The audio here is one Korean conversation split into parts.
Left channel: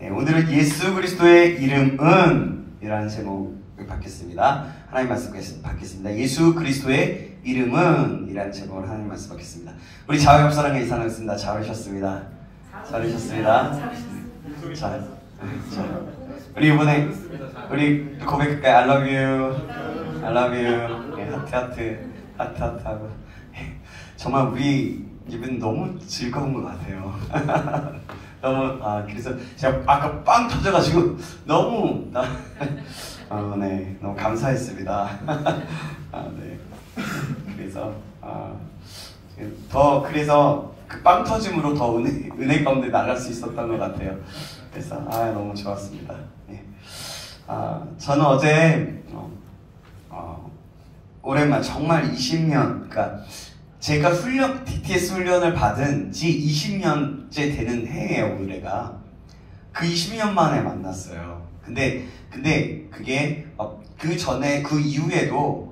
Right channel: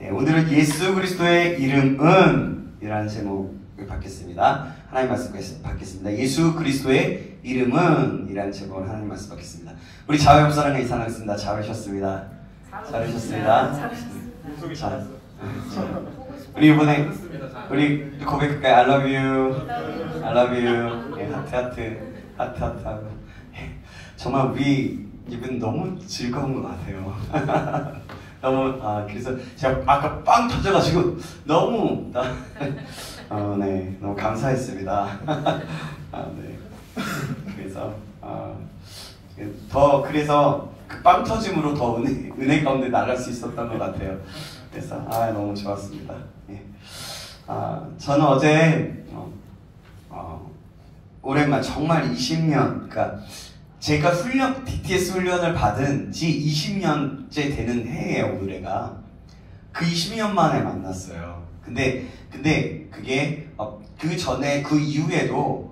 네, 오늘은 예수 그리스도의 이름은 이라는 제목을 받겠습니다. 하나님 말씀 받겠습니다. 예수 그리스도의 이름은 이라는 제목으로 하나님 말씀 받겠습니다. 우리 자유협사랑에 인사하겠습니다. 잘 오셨습니다. 잘 오셨습니다. 자, 우리 이번에 우리 고백할까요? I love you, I love you. 네, 하트 하고 정말 우리 이분 너무 즐거운 것 같아요. 너무 그래서 제가 아까 빵 터져가지고 너무 네, 너무 감사했습니다. 네, 그래서 그래서 그 빵 터짐으로 더 은혜 가운데 나갈 수 있었던 것 같아요. 그래서 너무 좋았습니다. 예. 저는 어제 오랜만 정말 20년, 그러니까 제가 BTS 훈련을 받은 지 20년째 되는 해예요, 올해가. 그 20년 만에 만났어요. 근데 그게 그 전에 그 이후에도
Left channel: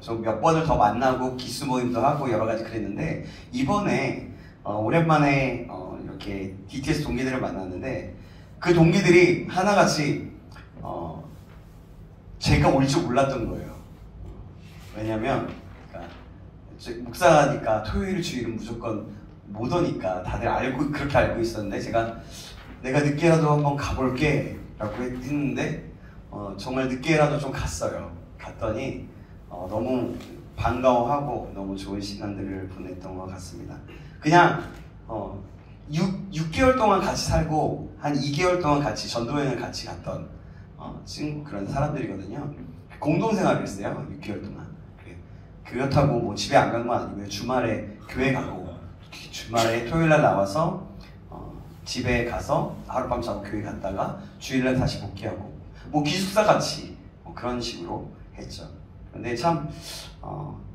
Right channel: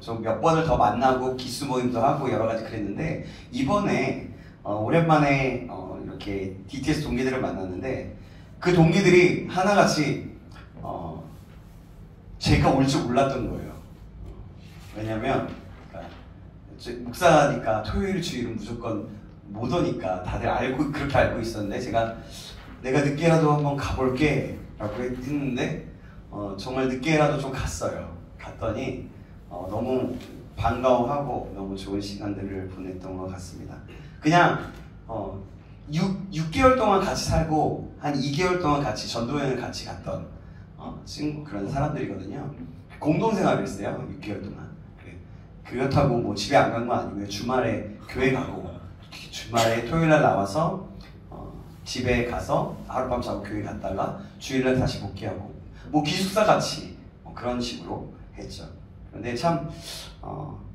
좀 몇 번을 더 만나고 기수 모임도 하고 여러 가지 그랬는데 이번에 오랜만에 이렇게 BTS 동기들을 만났는데 그 동기들이 하나같이 제가 올 줄 몰랐던 거예요. 왜냐면 목사니까 토요일 주일은 무조건 못 오니까 다들 그렇게 알고 있었는데 내가 늦게라도 한번 가볼게 라고 했는데 정말 늦게라도 좀 갔어요. 갔더니 너무 반가워하고 너무 좋은 시간들을 보냈던 것 같습니다. 그냥 6개월 동안 같이 살고 한 2개월 동안 같이 전도여행을 같이 갔던 친구 그런 사람들이거든요. 공동생활을 했어요. 6개월 동안. 그렇다고 뭐 집에 안 간 건 아니고요. 주말에 교회 가고 주말에 토요일날 나와서 집에 가서 하룻밤 자고 교회 갔다가 주일날 다시 복귀하고 뭐 기숙사 같이 그런 식으로 했죠. 근데 참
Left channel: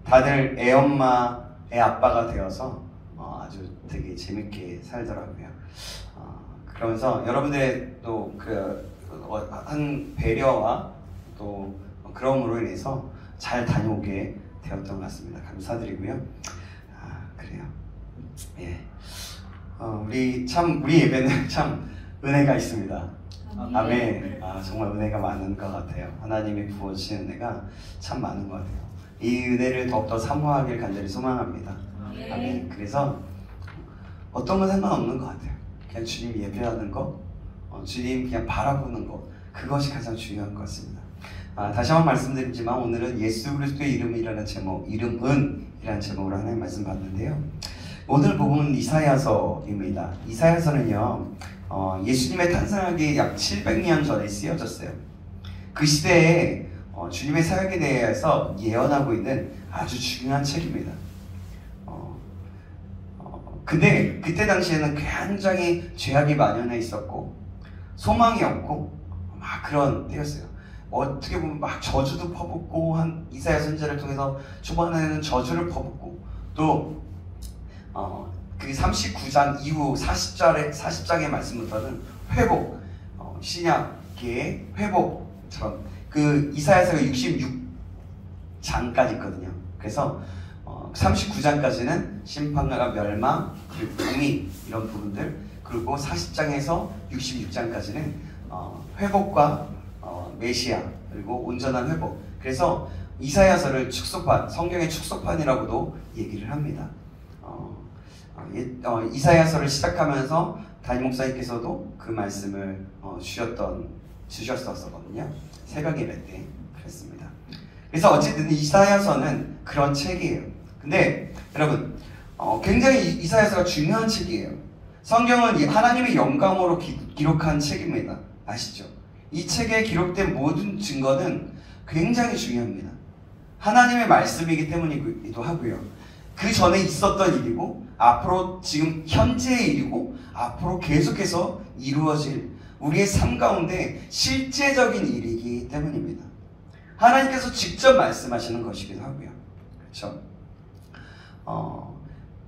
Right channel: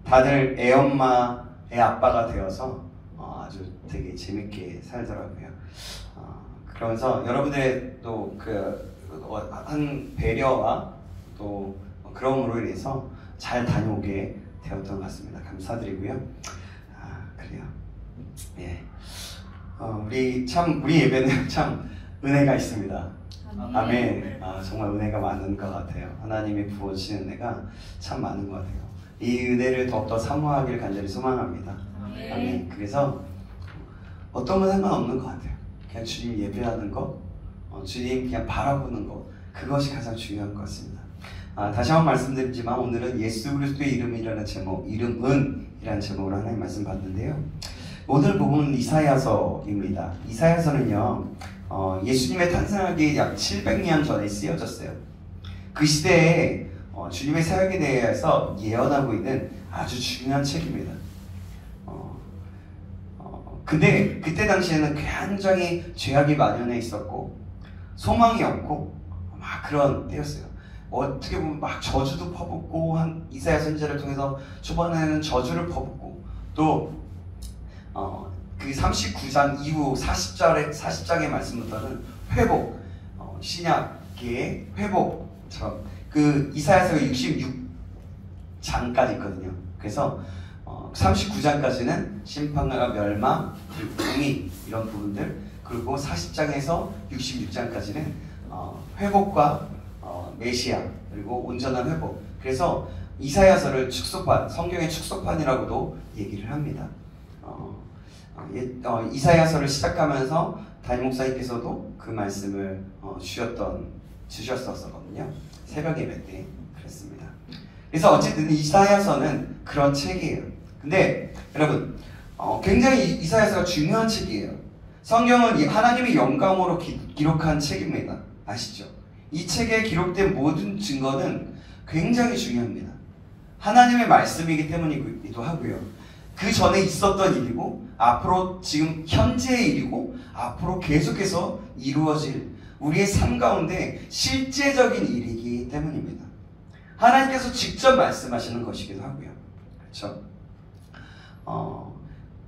다들 애엄마, 애아빠가 되어서 아주 되게 재밌게 살더라고요. 그러면서 여러분들의 또 한 배려와 또 그럼으로 인해서 잘 다녀오게 되었던 것 같습니다. 감사드리고요. 그래요. 예. 우리 예배는 참 은혜가 있습니다. 아멘. 정말 은혜가 많은 것 같아요. 하나님이 부어주시는 은혜가 참 많은 것 같아요. 이 은혜를 더욱더 사모하길 간절히 소망합니다. 아멘. 그래서 어떤 건 상관없는 것 같아요. 그냥 주님 예배하는 거, 주님 그냥 바라보는 거, 그것이 가장 중요한 것 같습니다. 다시 한번 말씀드리지만 오늘은 예수 그리스도의 이름이라는 제목, 이름은 이라는 제목으로 하나님 말씀 받는데요. 오늘 본문은 이사야서입니다. 이사야서는요, 예수님의 탄생하기 약 700년 전에 쓰여졌어요. 그 시대에 주님의 사역에 대해서 예언하고 있는 아주 중요한 책입니다. 근데 그때 당시에는 굉장히 죄악이 만연해 있었고 소망이 없고 막 그런 때였어요. 어떻게 보면 막 저주도 퍼붓고 한 이사야 선지자를 통해서 초반에는 저주를 퍼붓고 또 그 39장 이후 40장의 말씀부터는 회복, 신약계의 회복처럼 그 이사야서가 66장까지 있거든요. 그래서 39장까지는 심판과 멸망, 그리고 공의 이런 부분들, 그리고 40장에서 66장까지는 회복과 메시아, 그리고 온전한 회복. 그래서 이사야서를 축소판, 성경의 축소판이라고도 얘기를 합니다. 이사야서를 시작하면서 담임 목사님께서도 그 말씀을 주셨었거든요. 새벽 예배 때 그랬습니다. 그래서 어쨌든 이사야서는 그런 책이에요. 근데 여러분 굉장히 이사야서가 중요한 책이에요. 성경은 하나님의 영감으로 기록한 책입니다. 아시죠? 이 책에 기록된 모든 증거는 굉장히 중요합니다. 하나님의 말씀이기 때문이기도 하고요. 그 전에 있었던 일이고 앞으로 지금 현재의 일이고 앞으로 계속해서 이루어질 우리의 삶 가운데 실제적인 일이기 때문입니다. 하나님께서 직접 말씀하시는 것이기도 하고요. 그렇죠?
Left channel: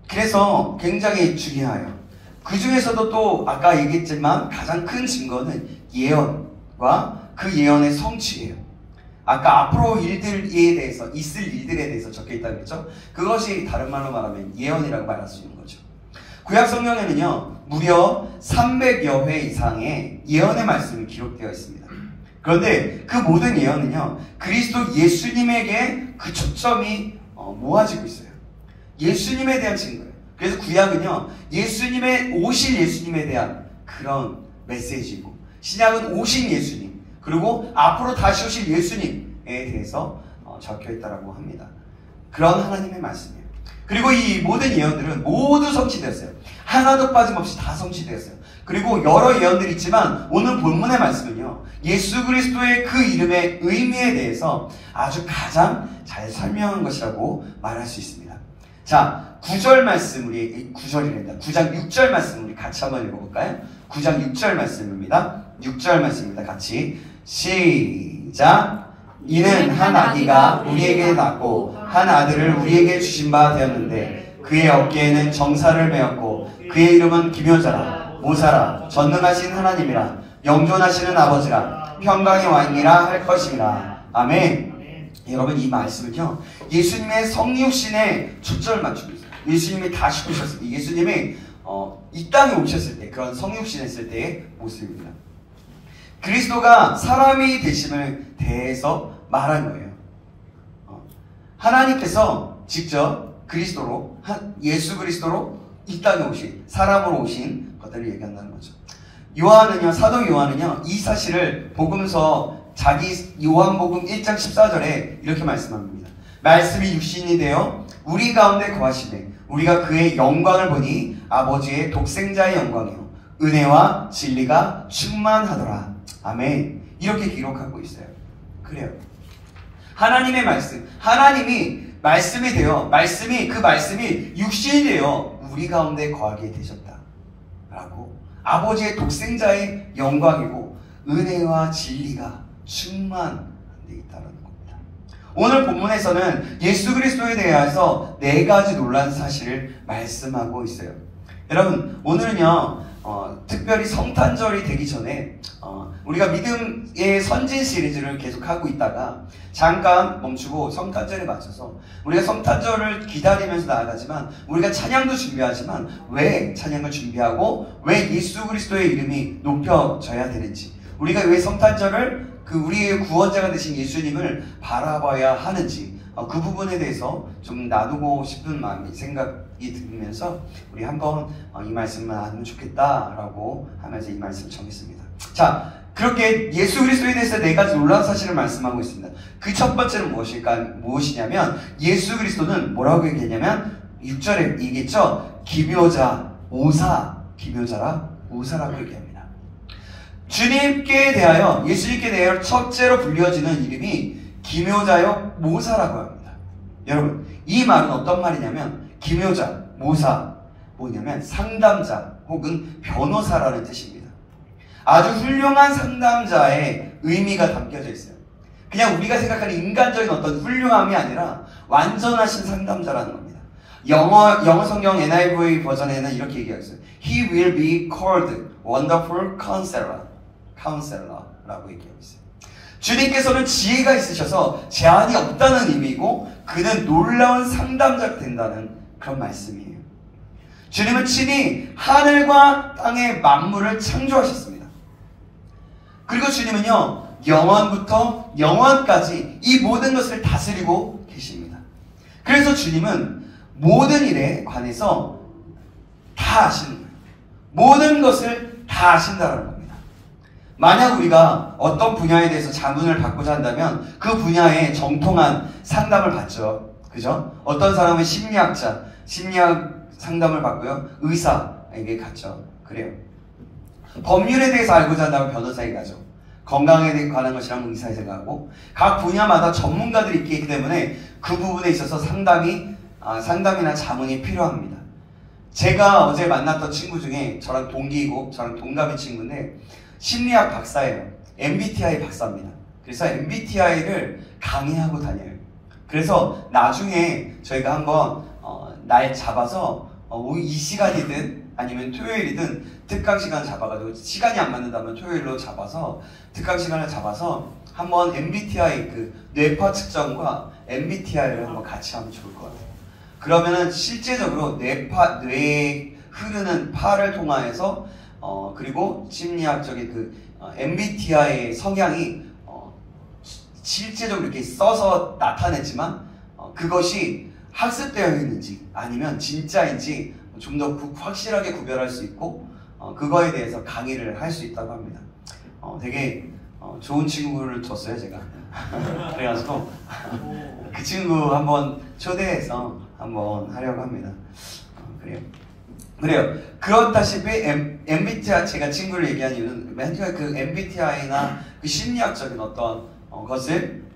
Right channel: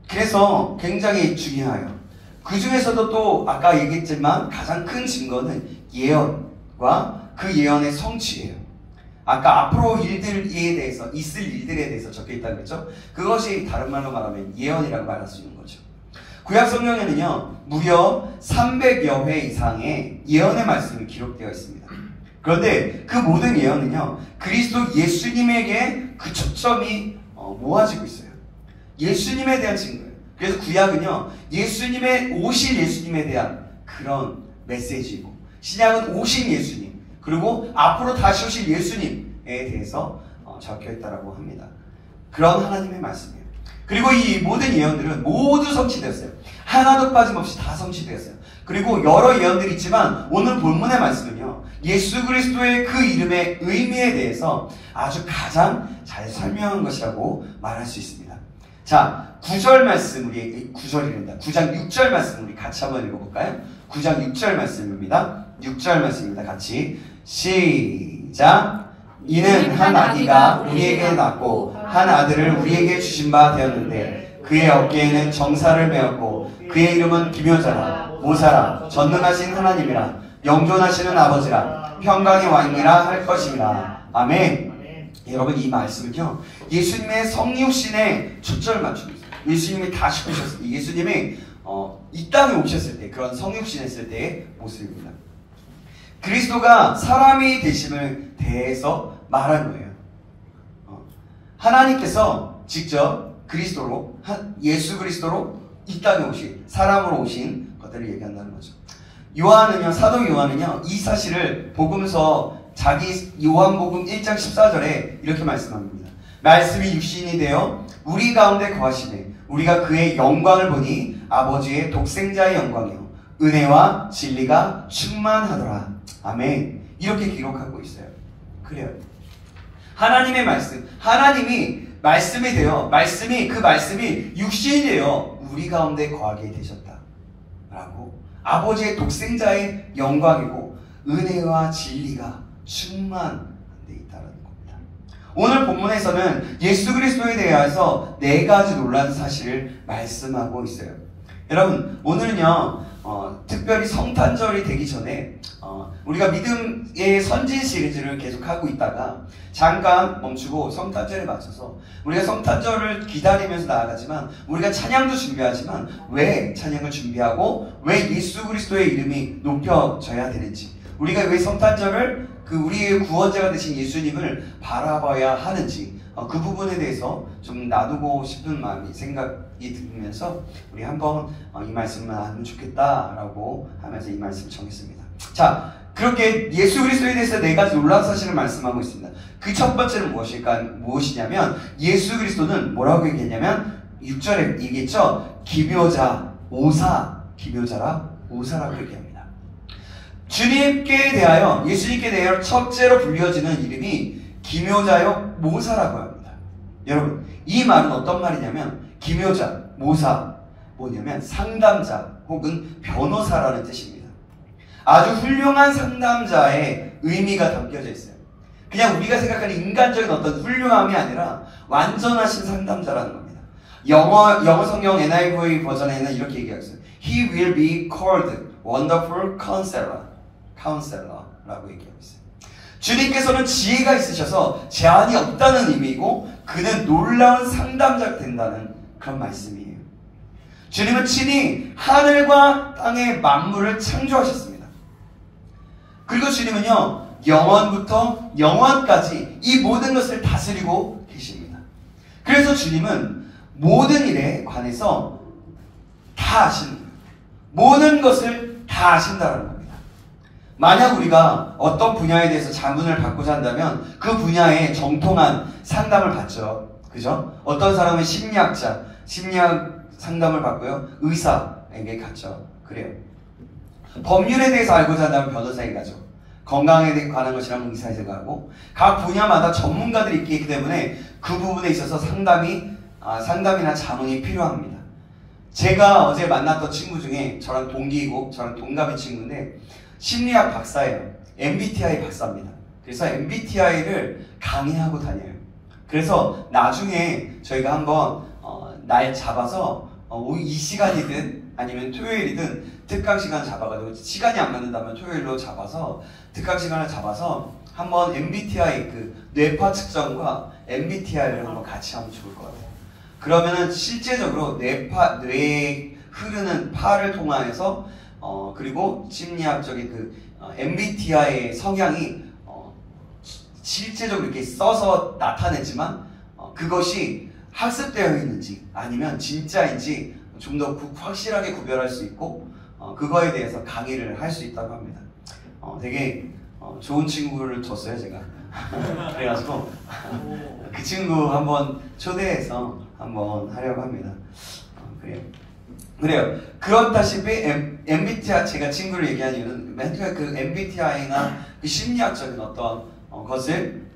그래서 굉장히 중요해요. 그 중에서도 또 아까 얘기했지만 가장 큰 증거는 예언과 그 예언의 성취예요. 아까 앞으로 일들에 대해서 있을 일들에 대해서 적혀있다고 했죠. 그것이 다른 말로 말하면 예언이라고 말할 수 있는 거죠. 구약 성경에는요 무려 300여 회 이상의 예언의 말씀이 기록되어 있습니다. 그런데 그 모든 예언은요 그리스도 예수님에게 그 초점이 모아지고 있어요. 예수님에 대한 증거예요. 그래서 구약은요 예수님의 오실 예수님에 대한 그런 메시지이고, 신약은 오신 예수님 그리고 앞으로 다시 오실 예수님에 대해서 적혀 있다라고 합니다. 그런 하나님의 말씀이에요. 그리고 이 모든 예언들은 모두 성취되었어요. 하나도 빠짐없이 다 성취되었어요. 그리고 여러 예언들이 있지만 오늘 본문의 말씀은요 예수 그리스도의 그 이름의 의미에 대해서 아주 가장 잘 설명한 것이라고 말할 수 있습니다. 자, 9절 말씀, 우리 9절입니다. 9장 6절 말씀 우리 같이 한번 읽어볼까요? 9장 6절 말씀입니다. 6절 말씀입니다. 같이 시작. 이는 한 아기가 우리에게 낳고 한 아들을 우리에게 주신 바 되었는데 그의 어깨에는 정사를 메었고 그의 이름은 기묘자라 모사라 전능하신 하나님이라 영존하시는 아버지라 평강의 왕이라 할 것이니라. 아멘. 여러분 이 말씀은요 예수님의 성육신에 초점을 맞추고 있어요. 예수님이 다시 오셨을 때, 예수님이 이 땅에 오셨을 때 그런 성육신했을 때의 모습입니다. 그리스도가 사람이 되심을 대해서 말한 거예요. 하나님께서 직접 그리스도로 예수 그리스도로 이 땅에 오신, 사람으로 오신 것들을 얘기한다는 거죠. 요한은요, 사도 요한은요 이 사실을 복음서 자기 요한복음 1장 14절에 이렇게 말씀합니다. 말씀이 육신이 되어 우리 가운데 거하시되 우리가 그의 영광을 보니 아버지의 독생자의 영광이요 은혜와 진리가 충만하더라. 아멘. 이렇게 기록하고 있어요. 그래요. 하나님의 말씀, 하나님이 말씀이 되어 그 말씀이 육신이 되어 우리 가운데 거하게 되셨다라고, 아버지의 독생자의 영광이고 은혜와 진리가 충만되어 있다는 겁니다. 오늘 본문에서는 예수 그리스도에 대해서 4가지 놀라운 사실을 말씀하고 있어요. 여러분 오늘은요 특별히 성탄절이 되기 전에 우리가 믿음의 선진 시리즈를 계속하고 있다가 잠깐 멈추고 성탄절에 맞춰서 우리가 성탄절을 기다리면서 나아가지만 우리가 찬양도 준비하지만 왜 찬양을 준비하고 왜 예수 그리스도의 이름이 높여져야 되는지, 우리가 왜 성탄절을 우리의 구원자가 되신 예수님을 바라봐야 하는지 그 부분에 대해서 좀 나누고 싶은 마음이 생각이 들면서 우리 한번 이 말씀을 나누면 좋겠다라고 하면서 이 말씀을 정했습니다. 자, 그렇게 예수 그리스도에 대해서 4가지 놀라운 사실을 말씀하고 있습니다. 그 첫 번째는 무엇이냐면 예수 그리스도는 뭐라고 얘기했냐면 6절에 얘기했죠. 기묘자, 오사, 기묘자라 오사라고 얘기합니다. 주님께 대하여, 예수님께 대하여 첫째로 불려지는 이름이 기묘자요 모사라고 합니다. 여러분 이 말은 어떤 말이냐면 기묘자, 모사 뭐냐면 상담자 혹은 변호사라는 뜻입니다. 아주 훌륭한 상담자의 의미가 담겨져 있어요. 그냥 우리가 생각하는 인간적인 어떤 훌륭함이 아니라 완전하신 상담자라는 겁니다. 영어 성경 NIV 버전에는 이렇게 얘기하고 있어요. He will be called Wonderful Counselor라고 얘기하고 있어요. 주님께서는 지혜가 있으셔서 제한이 없다는 의미이고 그는 놀라운 상담자가 된다는 그런 말씀이에요. 주님은 친히 하늘과 땅의 만물을 창조하셨습니다. 그리고 주님은요 영원부터 영원까지 이 모든 것을 다스리고 계십니다. 그래서 주님은 모든 일에 관해서 다 아시는 거예요. 모든 것을 다 아신다는 겁니다. 만약 우리가 어떤 분야에 대해서 자문을 받고자 한다면 그 분야에 정통한 상담을 받죠. 그죠? 어떤 사람은 심리학자, 심리학 상담을 받고요. 의사에게 갔죠. 그래요. 법률에 대해서 알고자 한다면 변호사에게 가죠. 건강에 관한 것이라면 의사에게 가고, 각 분야마다 전문가들이 있기 때문에 그 부분에 있어서 상담이나 자문이 필요합니다. 제가 어제 만났던 친구 중에 저랑 동기이고 저랑 동갑인 친구인데 심리학 박사예요. MBTI 박사입니다. 그래서 MBTI를 강의하고 다녀요. 그래서 나중에 저희가 한번 날 잡아서 이 시간이든 아니면 토요일이든 특강 시간 잡아가지고, 시간이 안 맞는다면 토요일로 잡아서 특강 시간을 잡아서 한번 MBTI 뇌파 측정과 MBTI를 한번 같이 하면 좋을 것 같아요. 그러면은 실제적으로 뇌 흐르는 파를 통하여서 그리고 심리학적인 MBTI의 성향이 실제적으로 이렇게 써서 나타냈지만 그것이 학습되어 있는지 아니면 진짜인지 좀 더 확실하게 구별할 수 있고 그거에 대해서 강의를 할 수 있다고 합니다. 되게 좋은 친구를 줬어요 제가. 그래가지고 그 친구 한번 초대해서 한번 하려고 합니다. 그래요. 그렇다시피 MBTI 제가 친구를 얘기한 이유는 그 MBTI나 그 심리학적인 어떤 것을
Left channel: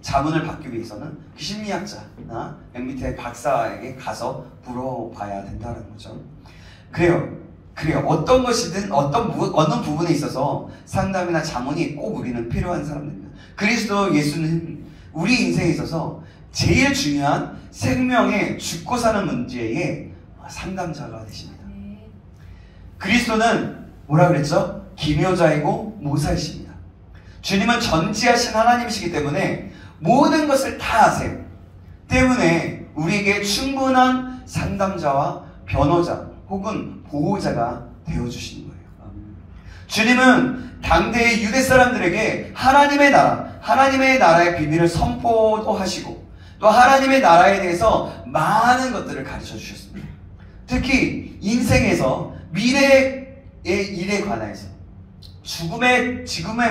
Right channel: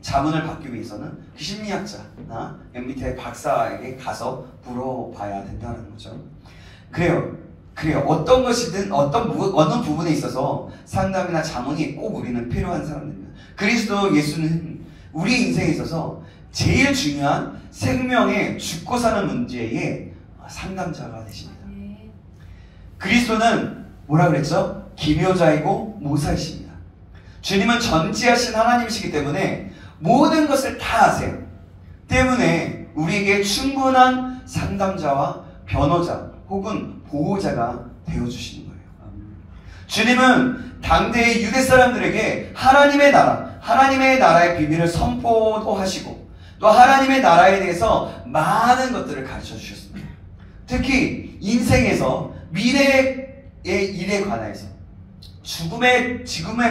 자문을 받기 위해서는 그 심리학자나 MBTI 박사에게 가서 물어봐야 된다는 거죠. 그래요. 어떤 것이든 어느 부분에 있어서 상담이나 자문이 꼭 우리는 필요한 사람입니다. 그리스도 예수는 우리 인생에 있어서 제일 중요한 생명의 죽고 사는 문제에 상담자가 되십니다. 그리스도는 뭐라 그랬죠? 기묘자이고 모사이십니다. 주님은 전지하신 하나님이시기 때문에 모든 것을 다 아세요. 때문에 우리에게 충분한 상담자와 변호자 혹은 보호자가 되어주시는 거예요. 주님은 당대의 유대 사람들에게 하나님의 나라의 비밀을 선포도 하시고 또 하나님의 나라에 대해서 많은 것들을 가르쳐 주셨습니다. 특히 인생에서 미래의 일에 관해서 지금의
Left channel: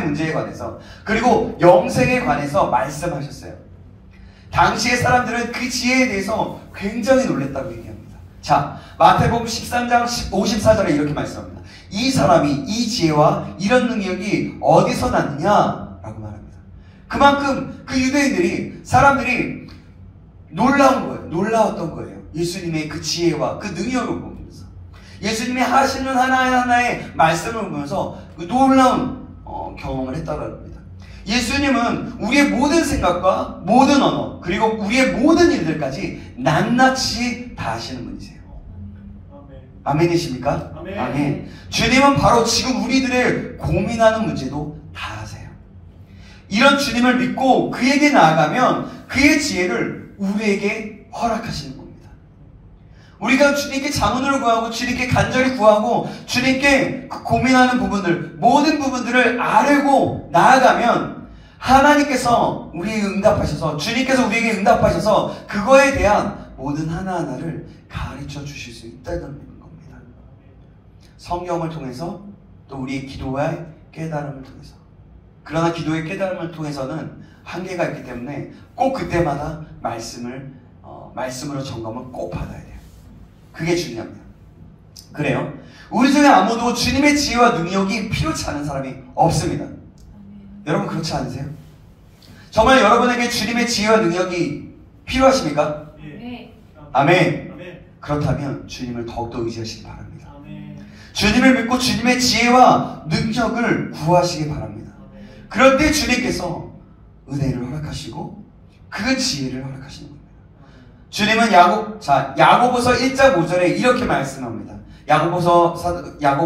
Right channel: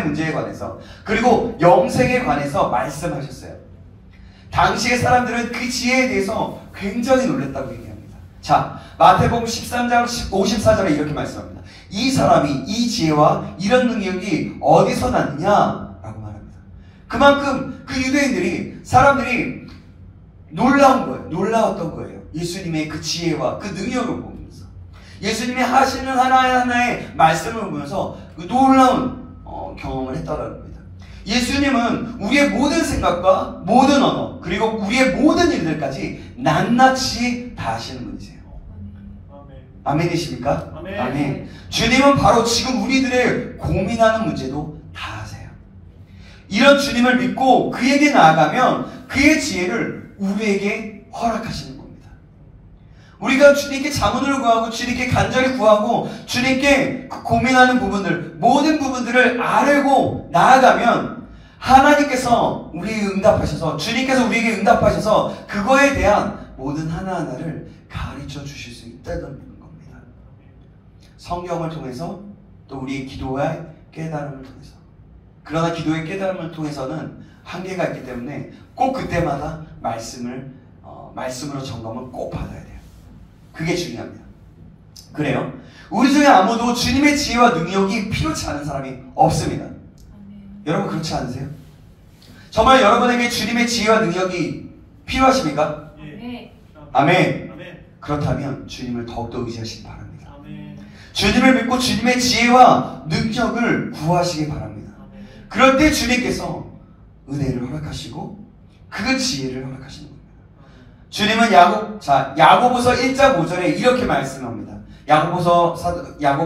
문제에 관해서 그리고 영생에 관해서 말씀하셨어요. 당시의 사람들은 그 지혜에 대해서 굉장히 놀랐다고 얘기합니다. 자, 마태복음 13장 54절에 이렇게 말씀합니다. 이 사람이 이 지혜와 이런 능력이 어디서 났느냐라고 말합니다. 그만큼 그 유대인들이 사람들이 놀라웠던 거예요. 예수님의 그 지혜와 그 능력을 보면서 예수님이 하시는 하나하나의 말씀을 보면서 그 놀라운 경험을 했다고 합니다. 예수님은 우리의 모든 생각과 모든 언어 그리고 우리의 모든 일들까지 낱낱이 다 아시는 분이세요. 아멘이십니까? 아멘. 주님은 바로 지금 우리들의 고민하는 문제도 다 아세요. 이런 주님을 믿고 그에게 나아가면 그의 지혜를 우리에게 허락하시는 겁니다. 우리가 주님께 자문을 구하고 주님께 간절히 구하고 주님께 고민하는 부분들 모든 부분들을 알고 나아가면 하나님께서 우리에게 응답하셔서 주님께서 우리에게 응답하셔서 그거에 대한 모든 하나하나를 가르쳐 주실 수 있다는 겁니다. 성경을 통해서 또 우리의 기도와 깨달음을 통해서 그러나 기도의 깨달음을 통해서는 한계가 있기 때문에 꼭 그때마다 말씀으로 점검을 꼭 받아야 돼요. 그게 중요합니다. 그래요. 우리 중에 아무도 주님의 지혜와 능력이 필요치 않은 사람이 없습니다. 여러분 그렇지 않으세요? 정말 여러분에게 주님의 지혜와 능력이 필요하십니까? 아멘. 그렇다면 주님을 더욱더 의지하시기 바랍니다. 주님을 믿고 주님의 지혜와 능력을 구하시기 바랍니다. 그럴 때 주님께서 은혜를 허락하시고 그 지혜를 허락하시는 겁니다. 주님은 야고보서 1장 5절에 이렇게 말씀합니다. 야고보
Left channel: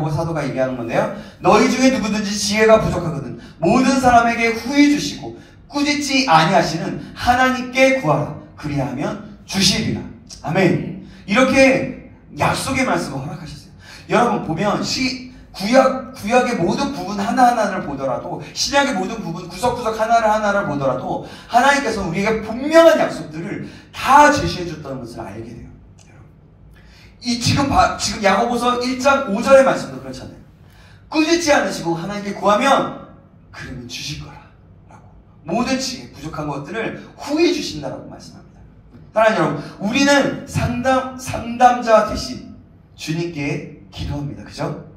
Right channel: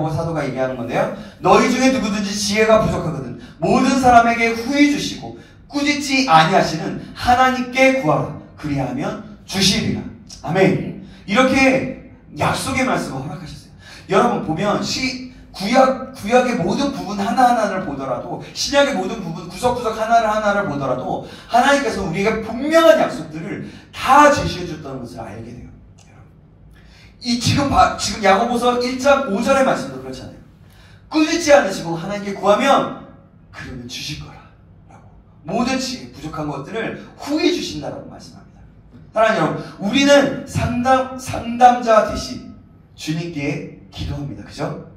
사도가 얘기하는 건데요. 너희 중에 누구든지 지혜가 부족하거든 모든 사람에게 후히 주시고 꾸짖지 아니하시는 하나님께 구하라. 그리하면 주시리라. 아멘. 이렇게 약속의 말씀을 허락하셨어요. 여러분 보면 구약의 모든 부분 하나하나를 보더라도 신약의 모든 부분 구석구석 하나하나를 보더라도 하나님께서 우리에게 분명한 약속들을 다 제시해 줬다는 것을 알게 돼요. 지금 야고보서 1장 5절의 말씀도 그렇잖아요. 꾸짖지 않으시고 하나님께 구하면 그러면 주실 거라 라고 모든 지혜 부족한 것들을 후히 주신다라고 말씀합니다. 사랑하는 여러분, 우리는 상담자 대신 주님께 기도합니다. 그죠?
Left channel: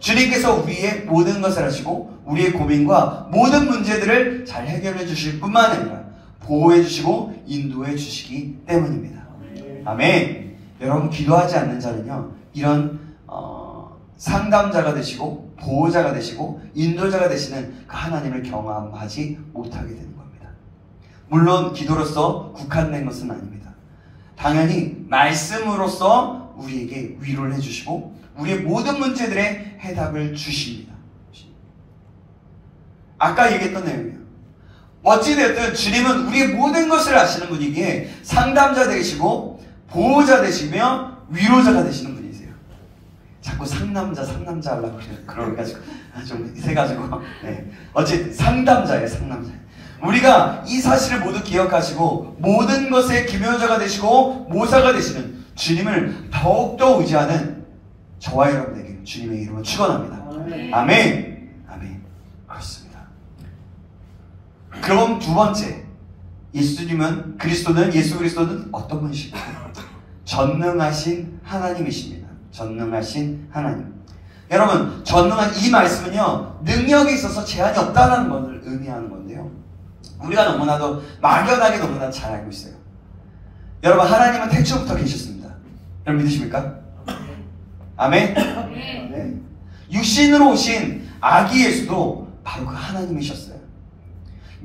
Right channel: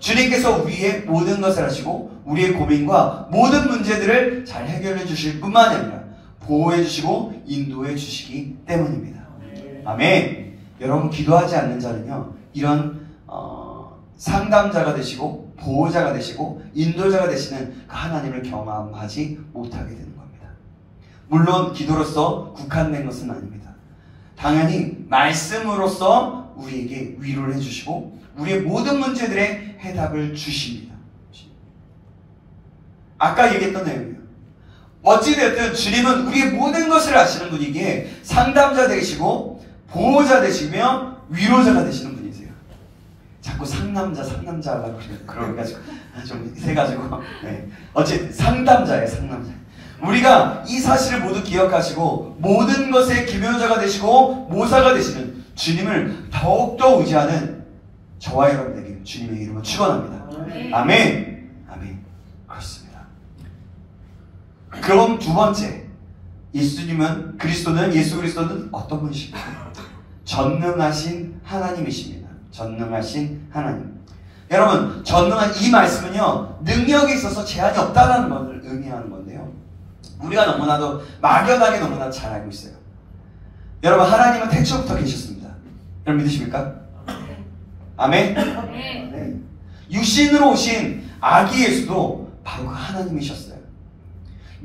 주님께서 우리의 모든 것을 하시고 우리의 고민과 모든 문제들을 잘 해결해 주실 뿐만 아니라 보호해 주시고 인도해 주시기 때문입니다. 아멘. 여러분 기도하지 않는 자는요 이런 상담자가 되시고 보호자가 되시고 인도자가 되시는 그 하나님을 경험하지 못하게 되는 겁니다. 물론 기도로서 국한된 것은 아닙니다. 당연히 말씀으로써 우리에게 위로를 해주시고 우리의 모든 문제들의 해답을 주십니다. 아까 얘기했던 내용이에요. 어찌됐든 주님은 우리의 모든 것을 아시는 분이기에 상담자 되시고 보호자 되시며 위로자가 되시는 분이세요. 자꾸 상남자 하려고 그래가지고 좀 세가지고 네. 어쨌든 상담자예요. 상남자. 우리가 이 사실을 모두 기억하시고 모든 것의 기묘자가 되시고 모사가 되시는 주님을 더욱더 의지하는 저와 여러분에게 주님의 이름으로 축원합니다. 아멘. 아멘. 그렇습니다. 그럼 두 번째, 예수님은 예수 그리스도는 어떤 분이실까요? 전능하신 하나님이십니다. 전능하신 하나님. 여러분, 전능한 이 말씀은요, 능력에 있어서 제한이 없다는 것을 의미하는 건데요. 우리가 너무나도 막연하게 너무나 잘 알고 있어요. 여러분, 하나님은 태초부터 계셨습니다. 여러분 믿으십니까? 아멘? 네. 육신으로 오신 아기 예수도 바로 그 하나님이셨어요.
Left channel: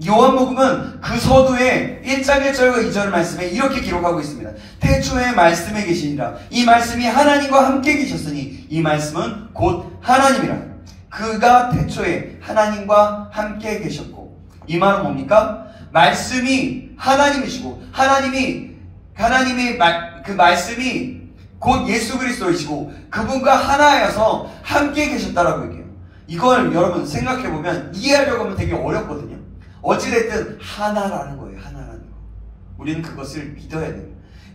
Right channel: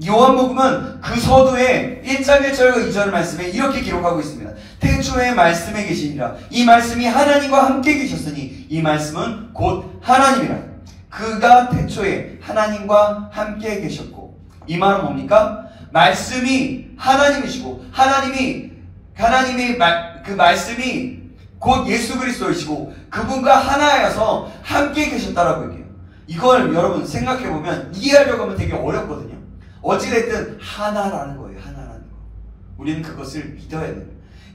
요한복음은 그 서두에 1장 1절과 2절 말씀에 이렇게 기록하고 있습니다. 태초에 말씀에 계시니라. 이 말씀이 하나님과 함께 계셨으니 이 말씀은 곧 하나님이라. 그가 태초에 하나님과 함께 계셨고, 이 말은 뭡니까? 말씀이 하나님이시고 그 말씀이 곧 예수 그리스도이시고 그분과 하나여서 함께 계셨다라고 얘기해요. 이걸 여러분 생각해보면 이해하려고 하면 되게 어렵거든요. 어찌됐든 하나라는 거예요. 하나라는 거. 우리는 그것을 믿어야 돼요.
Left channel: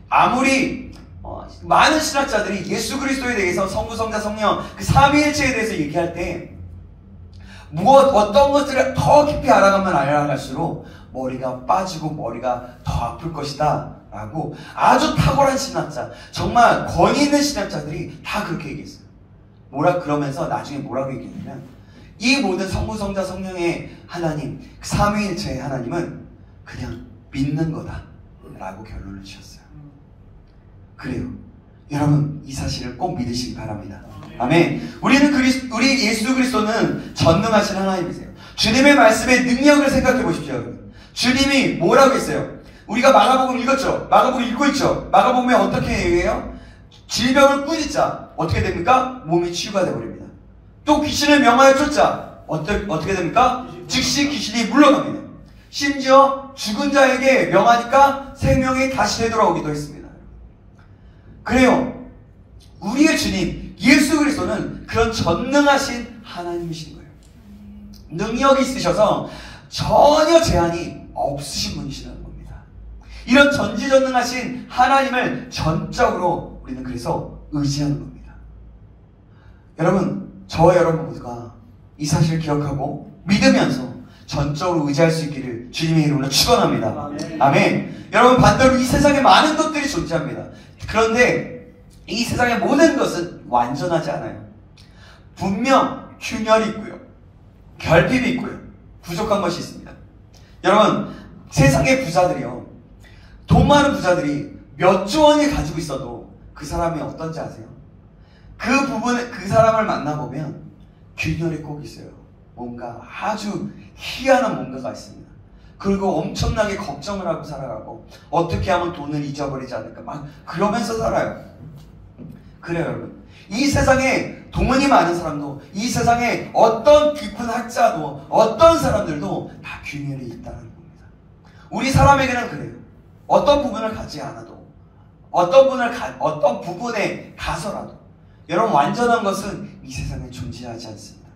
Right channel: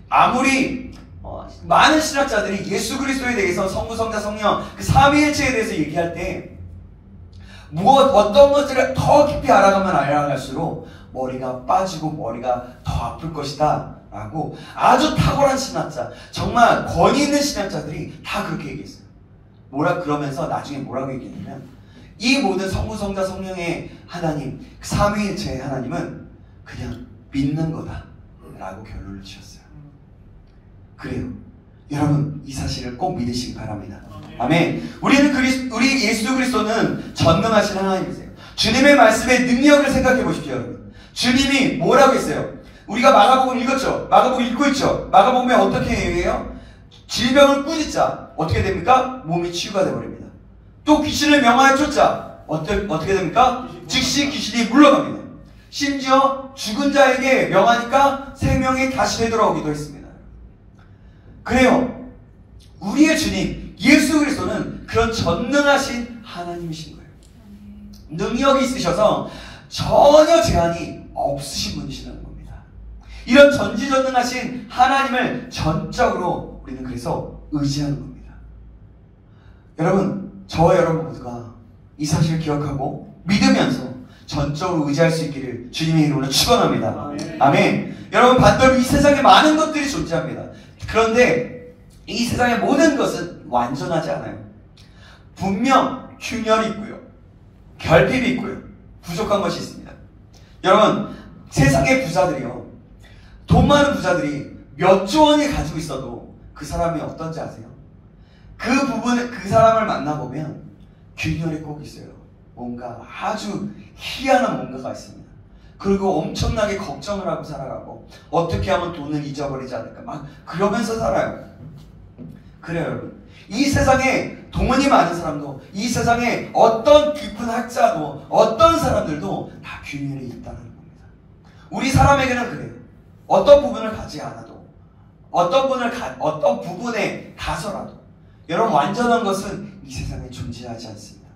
아무리 많은 신학자들이 예수 그리스도에 대해서 성부, 성자, 성령 그 삼위일체에 대해서 얘기할 때 어떤 것들을 더 깊이 알아가면 알아갈수록 머리가 빠지고 머리가 더 아플 것이다 라고 아주 탁월한 신학자, 정말 권위 있는 신학자들이 다 그렇게 얘기했어요. 그러면서 나중에 뭐라고 얘기했냐면, 이 모든 성부, 성자, 성령의 하나님, 그 삼위일체의 하나님은 그냥 믿는 거다 라고 결론을 지었어요. 그래요. 여러분, 이 사실을 꼭 믿으시기 바랍니다. 아멘. 우리 예수 그리스도는 전능하신 하나님이세요. 주님의 말씀의 능력을 생각해 보십시오, 여러분. 주님이 뭐라고 했어요? 우리가 마가복음 읽었죠? 마가복음 읽고 있죠? 마가복음에 어떻게 얘기해요? 질병을 꾸짖자 어떻게 됩니까? 몸이 치유가 되어버립니다. 또 귀신을 명하여 쫓자 어떻게 됩니까? 즉시 귀신이 물러갑니다. 심지어 죽은 자에게 명하니까 생명이 다시 되돌아오기도 했습니다. 그래요. 우리의 주님 예수 그리스도는 그런 전능하신 하나님이신 거예요. 능력이 있으셔서 전혀 제한이 없으신 분이시라는 겁니다. 이런 전지전능하신 하나님을 전적으로 우리는 그래서 의지하는 겁니다. 여러분, 저와 여러분 모두가 이 사실을 기억하고 믿으면서 전적으로 의지할 수 있기를 주님의 이름으로 축원합니다. 아멘. 여러분, 반대로 이 세상에 많은 것들이 존재합니다. 그런데 이 세상의 모든 것은 완전하지 않아요. 분명 균열이 있고요, 결핍이 있고요, 부족한 것이 있습니다. 여러분, 세상의 부자들이요, 돈 많은 부자들이 몇 조 원이 가지고 있어도 그 사람이 어떤지 아세요? 그 사람을 만나보면 균열이 꼭 있어요. 뭔가 아주 희한한 뭔가가 있습니다. 그리고 엄청나게 걱정을 하고 살아가고 어떻게 하면 돈을 잊어버리지 않을까 막 그러면서 살아요. 그래요, 여러분. 이 세상에 돈이 많은 사람도, 이 세상에 어떤 깊은 학자도, 어떤 사람들도 다 균열이 있다는 겁니다. 우리 사람에게는 그래요. 어떤 부분을 가지 않아도, 어떤 부분에 가서라도, 여러분, 완전한 것은 이 세상에 존재하지 않습니다.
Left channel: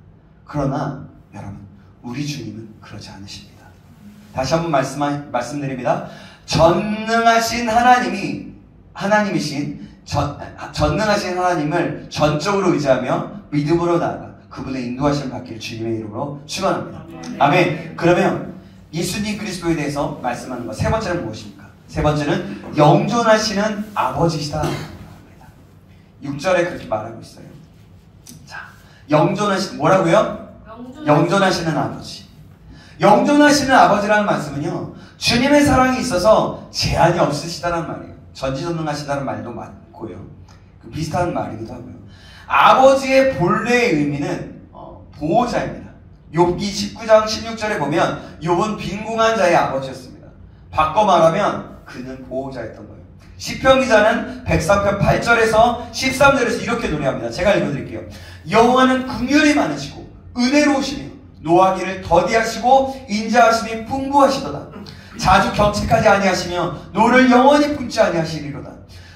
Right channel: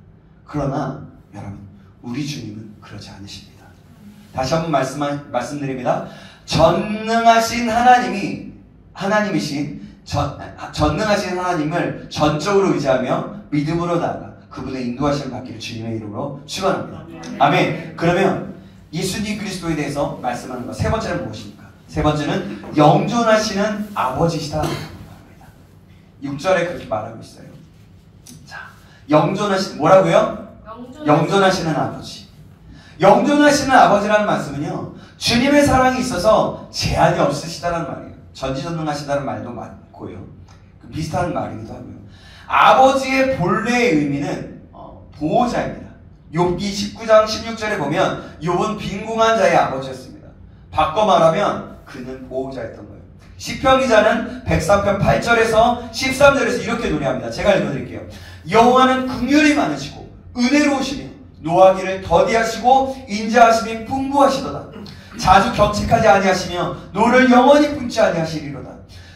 그러나 여러분, 우리 주님은 그러지 않으십니다. 다시 한번 말씀드립니다. 전능하신 하나님이신 전능하신 하나님을 전적으로 의지하며 믿음으로 나아가 그분의 인도하심을 받기를 주님의 이름으로 축원합니다. 아멘. 그러면 예수님 그리스도에 대해서 말씀하는 것, 세 번째는 무엇입니까? 세 번째는 영존하시는 아버지시다. 6절에 그렇게 말하고 있어요. 자, 뭐라고요? 영존하시는 아버지. 영존하시는 아버지라는 말씀은요, 주님의 사랑이 있어서 제한이 없으시다는 말이에요. 전지전능하시다는 말도 맞고요. 비슷한 말이기도 하고요. 아버지의 본래의 의미는 보호자입니다. 욥기 19장 16절에 보면 욥은 빈궁한 자의 아버지였습니다. 바꿔 말하면 그는 보호자였던 거예요. 시편 기자는 103편 8절에서 13절에서 이렇게 노래합니다. 제가 읽어드릴게요. 여호와는 긍휼이 많으시고 은혜로우시며 노하기를 더디하시고 인자하심이 풍부하시도다. 자주 경책하지 아니하시며 노를 영원히 품지 아니하시리로다.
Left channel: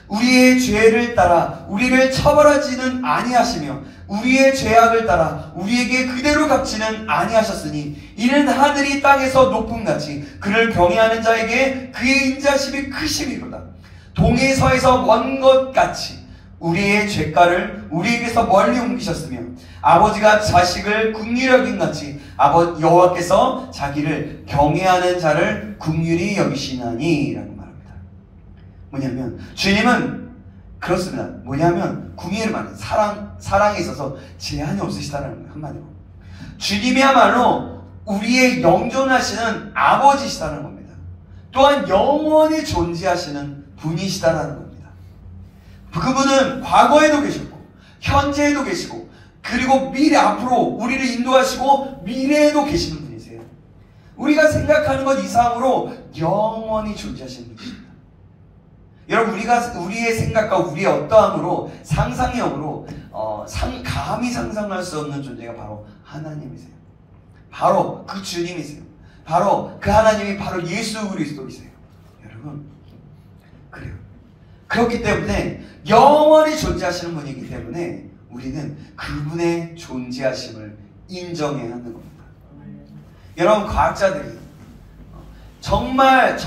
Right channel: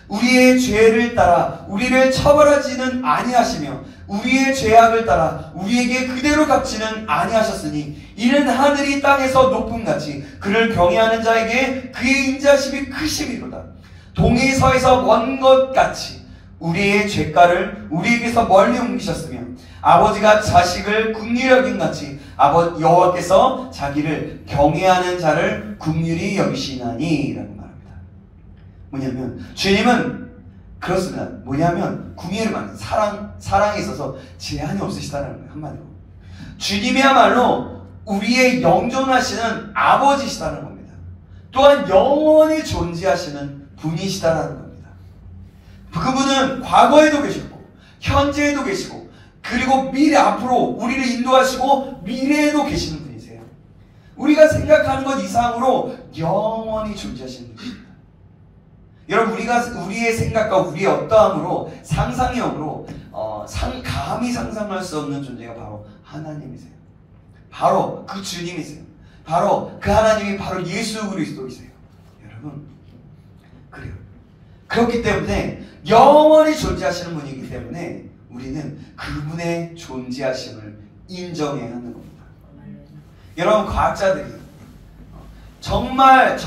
우리의 죄를 따라 우리를 처벌하지는 아니하시며 우리의 죄악을 따라 우리에게 그대로 갚지는 아니하셨으니 이는 하늘이 땅에서 높음같이 그를 경외하는 자에게 그의 인자심이 크심이로다. 동해서에서 먼 것 같이 우리의 죄가를 우리에게서 멀리 옮기셨으며 아버지가 자식을 긍휼히 여긴 같이 여호와께서 자기를 경외하는 자를 긍휼히 여기시나니 라는 말입니다. 뭐냐면 주님은 그렇습니다. 뭐냐면 긍휼을 말하는 사랑에 있어서 제한이 없으시다는 거예요. 한마디로 주님이야말로 우리의 영존하시는 아버지시다는 겁니다. 또한 영원히 존재하시는 분이시다라는 겁니다. 그분은 과거에도 계셨고 현재에도 계시고 그리고 미래 앞으로 우리를 인도하시고 미래에도 계시는 분이세요. 우리가 생각하는 것 이상으로 영원히 존재하시는 분이십니다. 여러분 우리의 생각과 우리의 어떠함으로 상상력으로 감히 상상할 수 없는 존재가 바로 하나님이세요. 바로 그 주님이세요. 바로 그 하나님이 바로 예수 그리스도이세요. 여러분 그래요. 그렇기 때문에 영원히 존재하시는 분이기 때문에 우리는 그분의 존재하심을 인정해야 하는 겁니다. 여러분 과학자들이 정말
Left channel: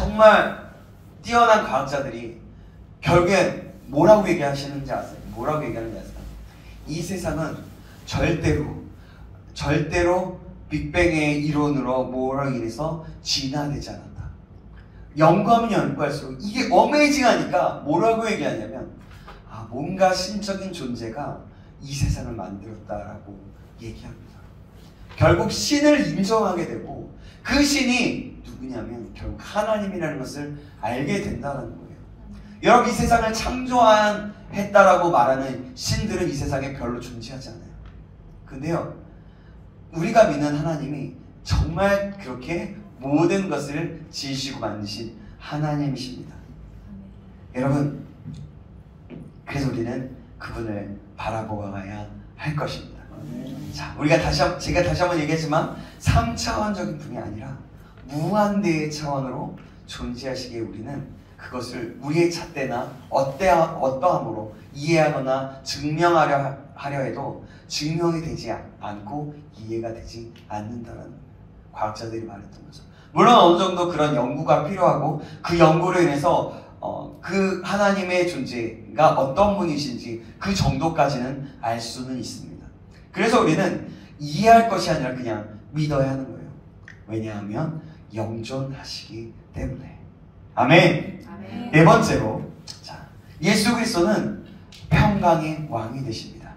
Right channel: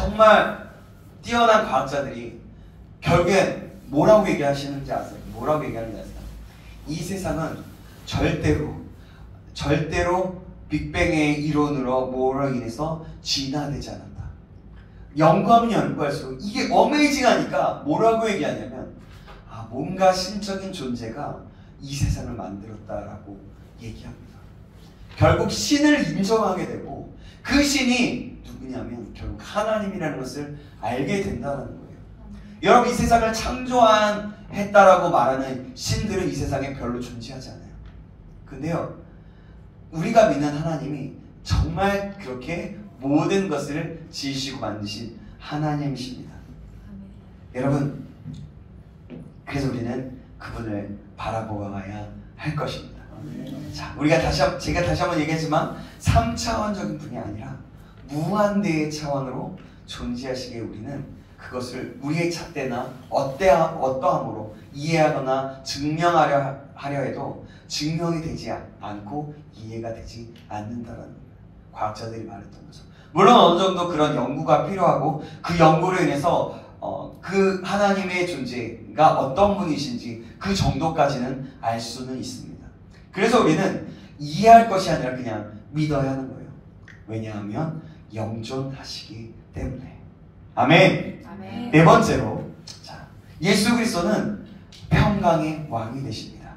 뛰어난 과학자들이 결국엔 뭐라고 얘기하시는지 아세요? 뭐라고 얘기하는지 아세요? 이 세상은 절대로 빅뱅의 이론으로 뭐로 인해서 진화되지 않았다. 연구하면 연구할수록 이게 어메이징하니까 뭐라고 얘기하냐면 뭔가 신적인 존재가 이 세상을 만들었다라고 얘기합니다. 결국 신을 인정하게 되고 그 신이 누구냐면 결국 하나님이라는 것을 알게 된다는 거예요. 여러분 이 세상을 창조했다라고 말하는 신들은 이 세상에 별로 존재하지 않아요. 근데요 우리가 믿는 하나님이 정말 그렇게 모든 것을 지으시고 만드신 하나님이십니다. 여러분 그래서 우리는 그분을 바라보아야 할 것입니다. 자, 제가 다시 한번 얘기했지만 3차원적인 분이 아니라 무한대의 차원으로 존재하시기에 우리는 그것을 우리의 잣대나 어떠함으로 이해하거나 증명하려 해도 증명이 되지 않고 이해가 되지 않는다는 과학자들이 말했던 거죠. 물론 어느 정도 그런 연구가 필요하고 그 연구로 인해서 그 하나님의 존재가 어떤 분이신지 그 정도까지는 알 수는 있습니다. 그래서 우리는 이해할 것이 아니라 그냥 믿어야 하는 거예요. 왜냐하면 영존하시기 때문에. 아멘. 아멘. 네 번째로 예수 그리스도는 평강의 왕이 되십니다.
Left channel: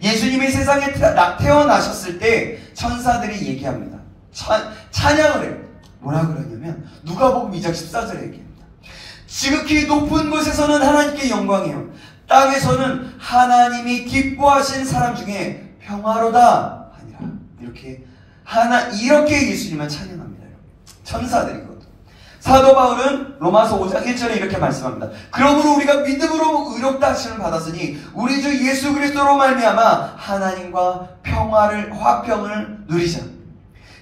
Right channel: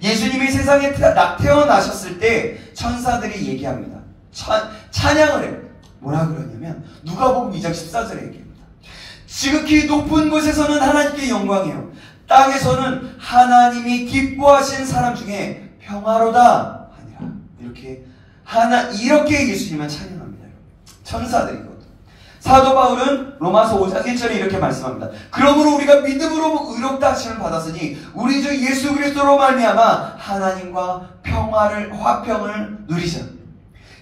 예수님이 세상에 태어나셨을 때 천사들이 얘기합니다. 찬양을 해요. 뭐라 그러냐면 누가복음 2장 14절에 얘기합니다. 지극히 높은 곳에서는 하나님께 영광이요 땅에서는 하나님이 기뻐하신 사람 중에 평화로다 하니라. 이렇게 예수님을 찬양합니다. 천사들이거든요. 사도 바울은 로마서 5장 1절에 이렇게 말씀합니다. 그러므로 우리가 믿음으로 의롭다 하심을 받았으니 우리 주 예수 그리스도로 말미암아 하나님과 화평을 누리자.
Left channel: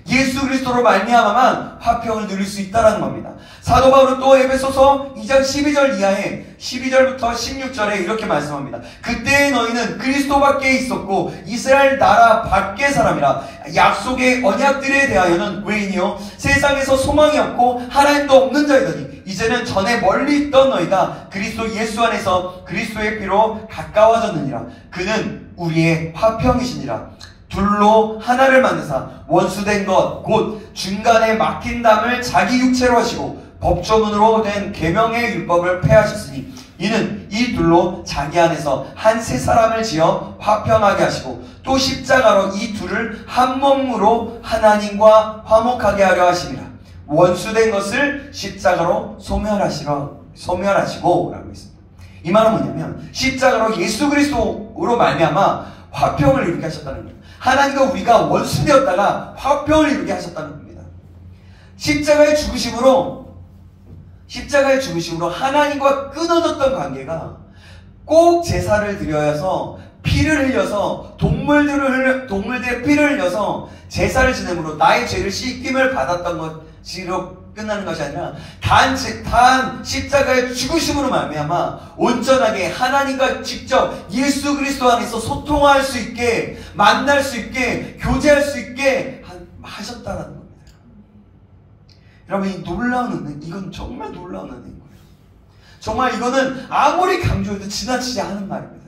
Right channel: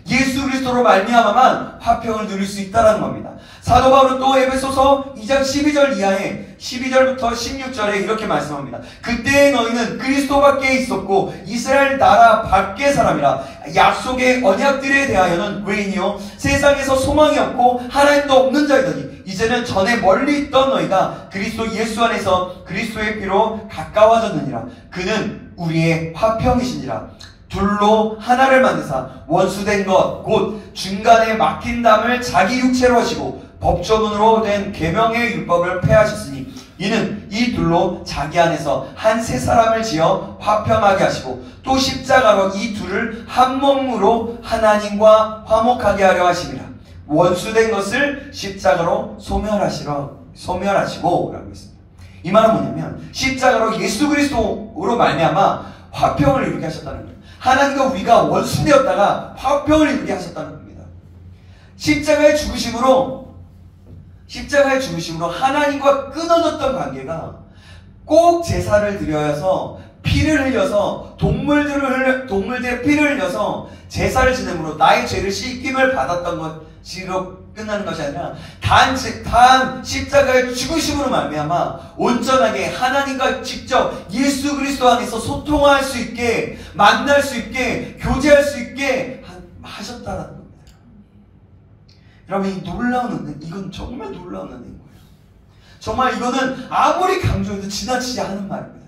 예수 그리스도로 말미암아만 화평을 누릴 수 있다는 겁니다. 사도 바울은 또 에베소서 2장 12절 이하에 12절부터 16절에 이렇게 말씀합니다. 그때의 너희는 그리스도 밖에 있었고 이스라엘 나라 밖의 사람이라. 약속의 언약들에 대하여는 외인이요 세상에서 소망이 없고 하나님도 없는 자이더니 이제는 전에 멀리 있던 너희가 그리스도 예수 안에서 그리스도의 피로 가까워졌느니라. 그는 우리의 화평이시니라. 둘로 하나를 만드사 원수된 것 곧 중간에 막힌 담을 자기 육체로 하시고 법조문으로 된 계명의 율법을 폐하셨으니 이는 이 둘로 자기 안에서 한 새 사람을 지어 화평하게 하시고 또 십자가로 이 둘을 한 몸으로 하나님과 화목하게 하려 하심이라. 원수된 것을 십자가로 소멸하시고 라고 했습니다. 이 말은 뭐냐면 십자가로 예수 그리스도로 말미암아 화평을 이루게 하셨다는 거예요. 하나님과 우리가 원수되었다가 화평을 이루게 하셨다는 겁니다. 십자가의 죽으심으로 하나님과 끊어졌던 관계가 꼭 제사를 드려서 피를 흘려서 동물들의 피를 흘려서 제사를 지냄으로 나의 죄를 씻김을 받았던 것으로 끝나는 것이 아니라 단 십자가의 죽으심으로 말미암아 온전하게 하나님과 직접 예수 그리스도 안에서 소통할 수 있게, 만날 수 있게, 교제할 수 있게 하셨다라는 겁니다. 여러분, 이 놀라운 은혜, 이건 정말 놀라운 은혜인 거예요. 정말 이거는 아무리 강조해도 지나치지 않은 말입니다.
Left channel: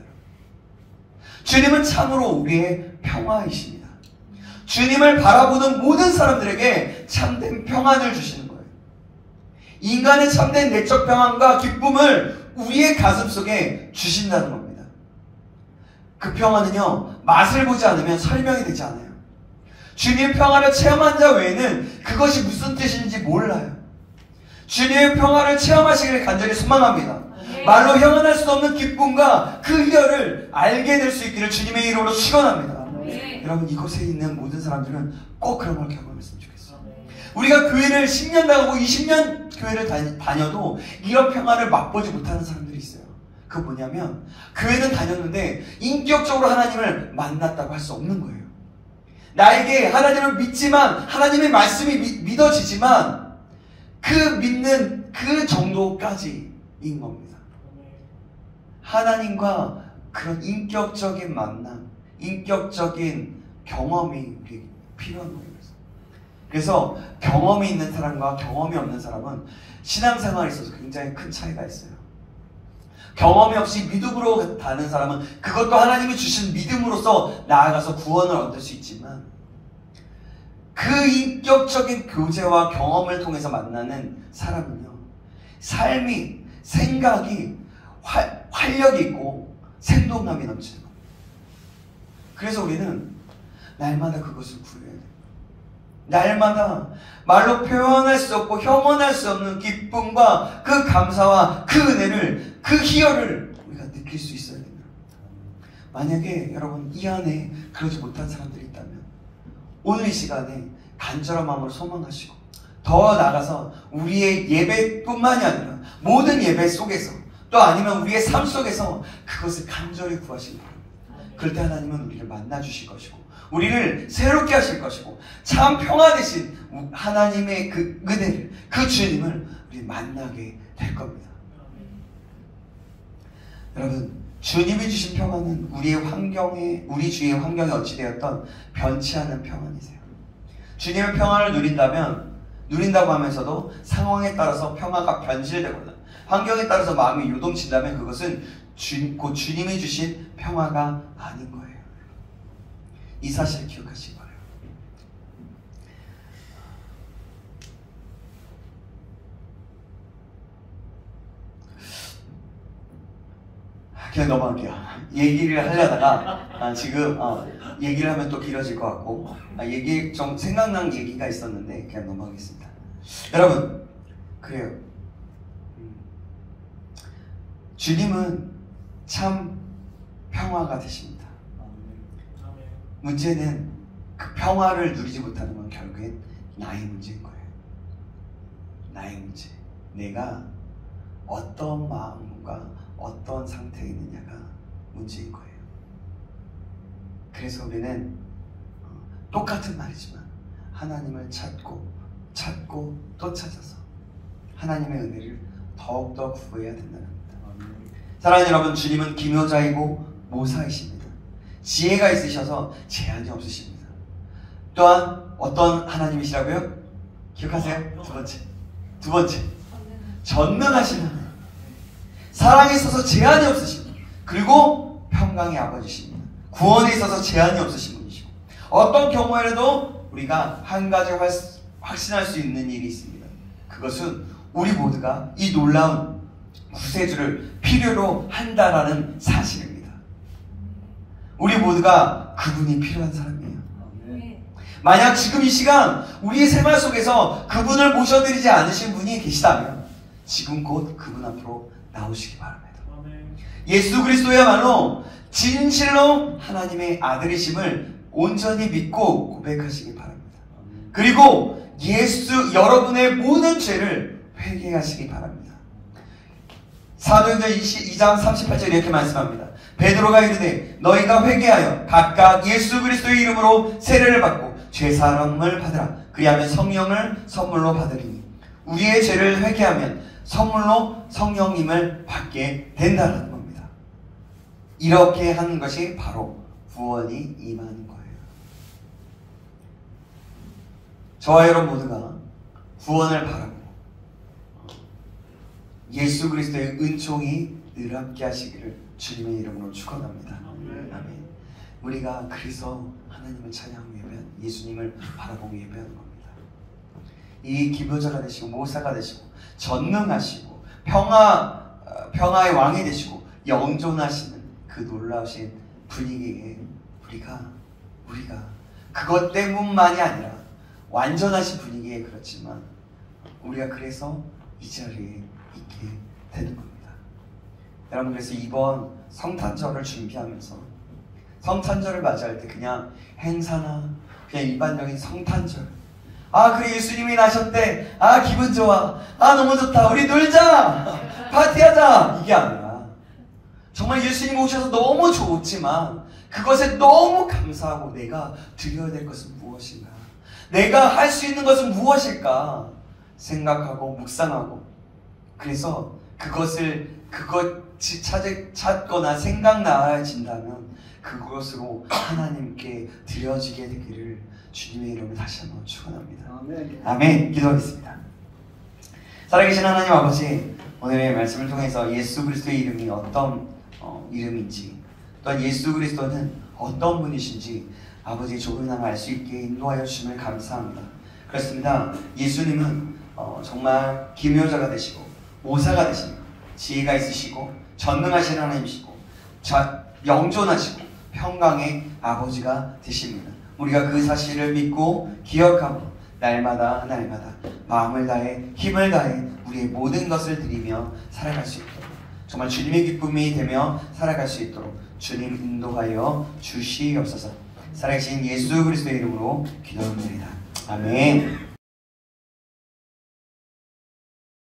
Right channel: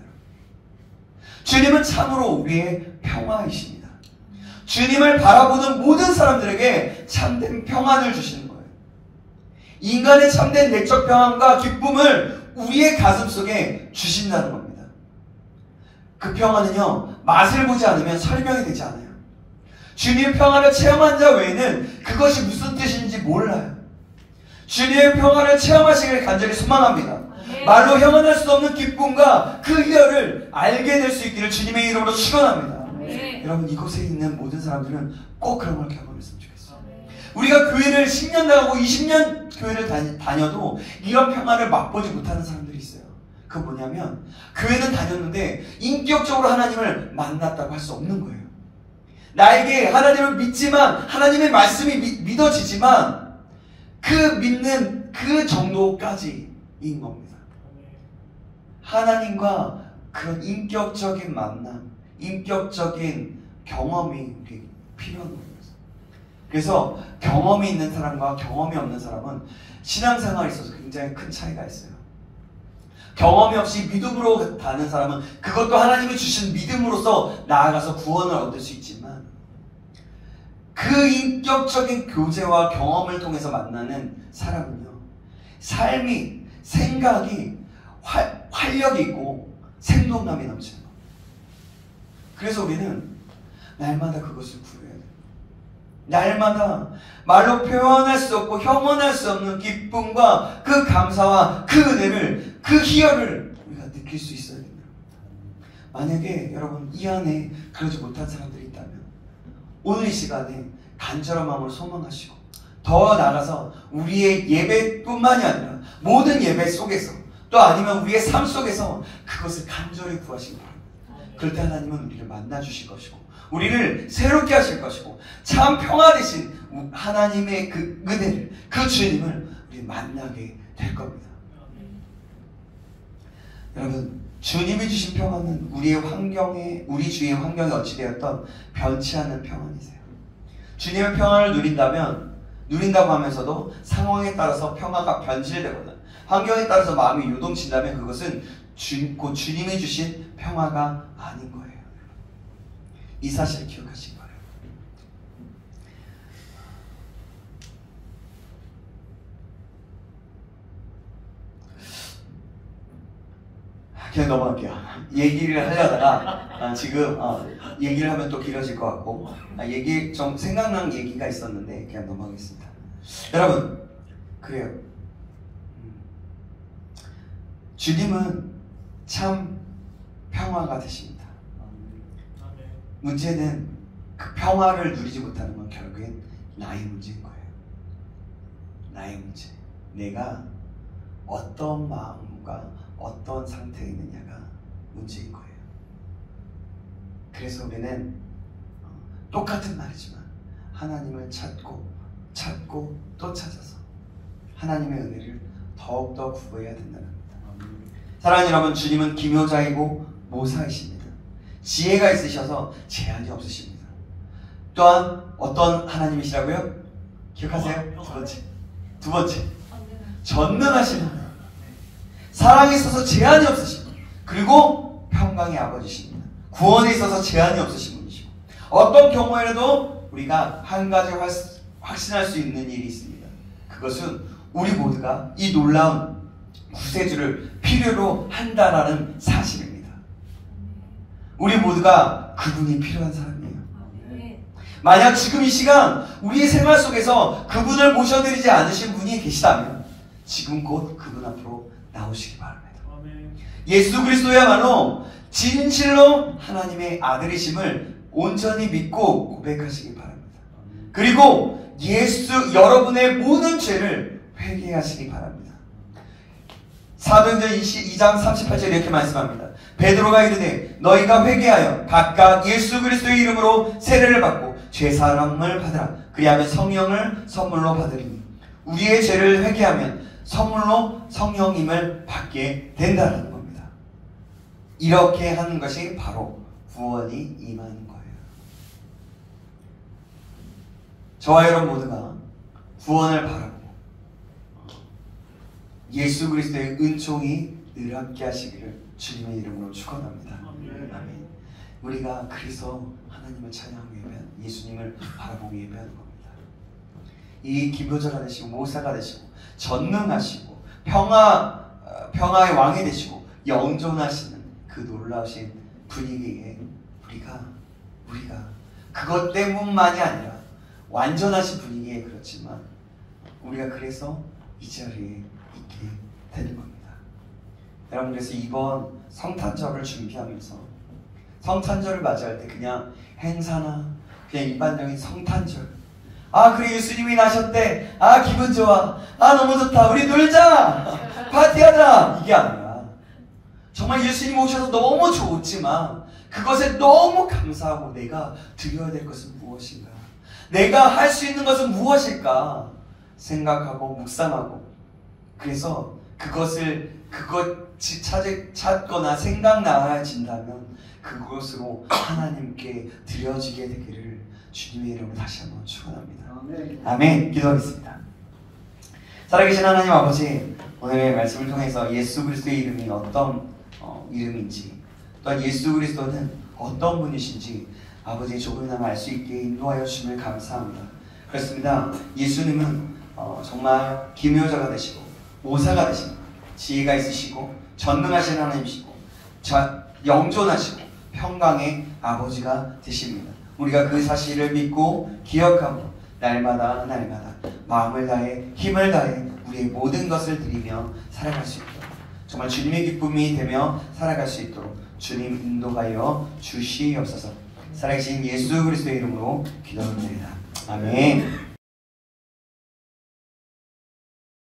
주님은 참으로 우리의 평화이십니다. 주님을 바라보는 모든 사람들에게 참된 평안을 주시는 거예요. 인간의 참된 내적 평안과 기쁨을 우리의 가슴 속에 주신다는 겁니다. 그 평안은요, 맛을 보지 않으면 설명이 되지 않아요. 주님의 평안을 체험한 자 외에는 그것이 무슨 뜻인지 몰라요. 주님의 평안을 체험하시기를 간절히 소망합니다. 말로 형언할 수 없는 기쁨과 그 희열을 알게 될 수 있기를 주님의 이름으로 축원합니다. 여러분, 이곳에 있는 모든 사람들은 꼭 그런 걸 경험했으면 좋겠어요. 우리가 교회를 10년 나가고 20년 교회를 다녀도 이런 평안을 맛보지 못하는 사람들이 있어요. 그거 뭐냐면, 교회는 다녔는데 인격적으로 하나님을 만났다고 할 수 없는 거예요. 나에게 하나님을 믿지만, 하나님의 말씀이 믿어지지만 그 믿는 그 정도까지인 겁니다. 하나님과 그런 인격적인 만남, 인격적인 경험이 우리 필요한 거예요. 그래서 경험이 있는 사람과 경험이 없는 사람은 신앙생활에 있어서 굉장히 큰 차이가 있어요. 경험이 없이 믿음으로 가는 사람은 그것도 하나님이 주신 믿음으로서 나아가서 구원을 얻을 수 있지만, 그 인격적인 교제와 경험을 통해서 만나는 사람은요, 삶이, 생각이 활력이 있고 생동감이 넘치는 거예요. 그래서 우리는 날마다 그것을 구해야 돼요. 날마다 말로 표현할 수 없고 형언할 수 없는 기쁨과 그 감사와 그 은혜를, 그 희열을 우리가 느낄 수 있어야 됩니다. 만약에 여러분 이 안에 그러지 못한 사람들이 있다면 오늘 이 시간에 간절한 마음으로 소망하시고 더 나아가서 우리의 예배뿐만이 아니라 모든 예배 속에서, 또 아니면 우리의 삶 속에서 그것을 간절히 구하시기 바랍니다. 그럴 때 하나님은 우리를 만나주실 것이고 우리를 새롭게 하실 것이고 참 평화 되신 하나님의 그 은혜를, 그 주님을 우리 만나게 될 겁니다. 여러분, 주님이 주신 평안은 우리 주위의 환경에 어찌되었던 변치 않는 평안이세요. 주님의 평안을 누린다고 하면서도 상황에 따라서 평화가 변질되거나 환경에 따라서 마음이 요동친다면 그것은 곧 주님이 주신 평화가 아닌 거예요. 이 사실을 기억하시기 바라요. 그냥 넘어갈게요. 얘기를 하려다가 지금 얘기를 하면 또 길어질 것 같고 좀 생각난 얘기가 있었는데 그냥 넘어가겠습니다. 여러분, 그래요. 주님은 참 평화가 되십니다. 문제는 그 평화를 누리지 못하는 건 결국엔 나의 문제인 거예요. 나의 문제. 내가 어떤 마음과 어떤 상태에 있느냐가 문제인 거예요. 그래서 우리는 똑같은 말이지만 하나님을 찾고 또 찾아서 하나님의 은혜를 더욱더 구해야 된다는 겁니다. 사랑하는 여러분, 주님은 기묘자이고 모사이십니다. 지혜가 있으셔서 제한이 없으십니다. 또한 어떤 하나님이시라고요? 기억하세요? 두 번째 전능하신 하나님, 사랑에 있어서 제한이 없으십니다. 그리고 평강의 아버지십니다. 구원에 있어서 제한이 없으신 분이시고, 어떤 경우에라도 우리가 한 가지 확신할 수 있는 일이 있습니다. 그것은 우리 모두가 이 놀라운 구세주를 필요로 한다라는 사실입니다. 우리 모두가 그분이 필요한 사람이에요. 만약 지금 이 시간 우리 생활 속에서 그분을 모셔드리지 않으신 분이 계시다면 지금 곧 그분 앞으로 나오시기 바랍니다. 예수 그리스도야말로 진실로 하나님의 아들이심을 온전히 믿고 고백하시기 바랍니다. 그리고 여러분의 모든 죄를 회개하시기 바랍니다. 사도행전 2장 38절 이렇게 말씀합니다. 베드로가 이르되 너희가 회개하여 각각 예수 그리스도의 이름으로 세례를 받고 죄사함을 받으라. 그리하면 성령을 선물로 받으리니 우리의 죄를 회개하면 선물로 성령님을 받게 된다는 겁니다. 이렇게 하는 것이 바로 구원이 임하는 거예요. 저와 여러분 모두가 구원을 바라고 예수 그리스도의 은총이 늘 함께 하시기를 주님의 이름으로 축원합니다. 아멘. 우리가 그래서 하나님을 찬양하고 예배하는, 예수님을 바라보고 예배하는 겁니다. 이 기도자가 되시고 모사가 되시고 전능하시고 평화의 왕이 되시고 영존하시는 그 놀라우신 분위기에 우리가 그것 때문만이 아니라 완전하신 분위기에 그렇지만 우리가 그래서 이 자리에 있게 되는 겁니다. 여러분, 그래서 이번 성탄절을 준비하면서 성탄절을 맞이할 때 그냥 행사나 그냥 일반적인 성탄절, 그래 예수님이 나셨대, 기분 좋아, 너무 좋다, 우리 놀자, 파티하자, 이게 아니라 정말 예수님 오셔서 너무 좋지만 그것에 너무 감사하고 내가 드려야 될 것은 무엇인가, 내가 할 수 있는 것은 무엇일까 생각하고 묵상하고, 그래서 그것이 찾거나 생각나진다면 그것으로 하나님께 드려지게 되기를 주님의 이름으로 다시 한번 축원합니다. 아멘. 기도하겠습니다. 살아계신 하나님 아버지, 오늘의 말씀을 통해서 예수 그리스도의 이름이 어떤 이름인지, 또한 예수 그리스도는 어떤 분이신지 아버지 조금이나마 알 수 있게 인도하여 주심을 감사합니다. 그렇습니다. 예수님은 정말 기묘자가 되시고 모사가 되시고 지혜가 있으시고 전능하신 하나님이시고 영존하시고 평강의 아버지가 되십니다. 우리가 그 사실을 믿고 기억하고 날마다 마음을 다해 힘을 다해 우리의 모든 것을 드리며 살아갈 수 있도록, 정말 주님의 기쁨이 되며 살아갈 수 있도록 주님 인도하여 주시옵소서. 살아계신 예수 그리스도의 이름으로 기도합니다. 아멘.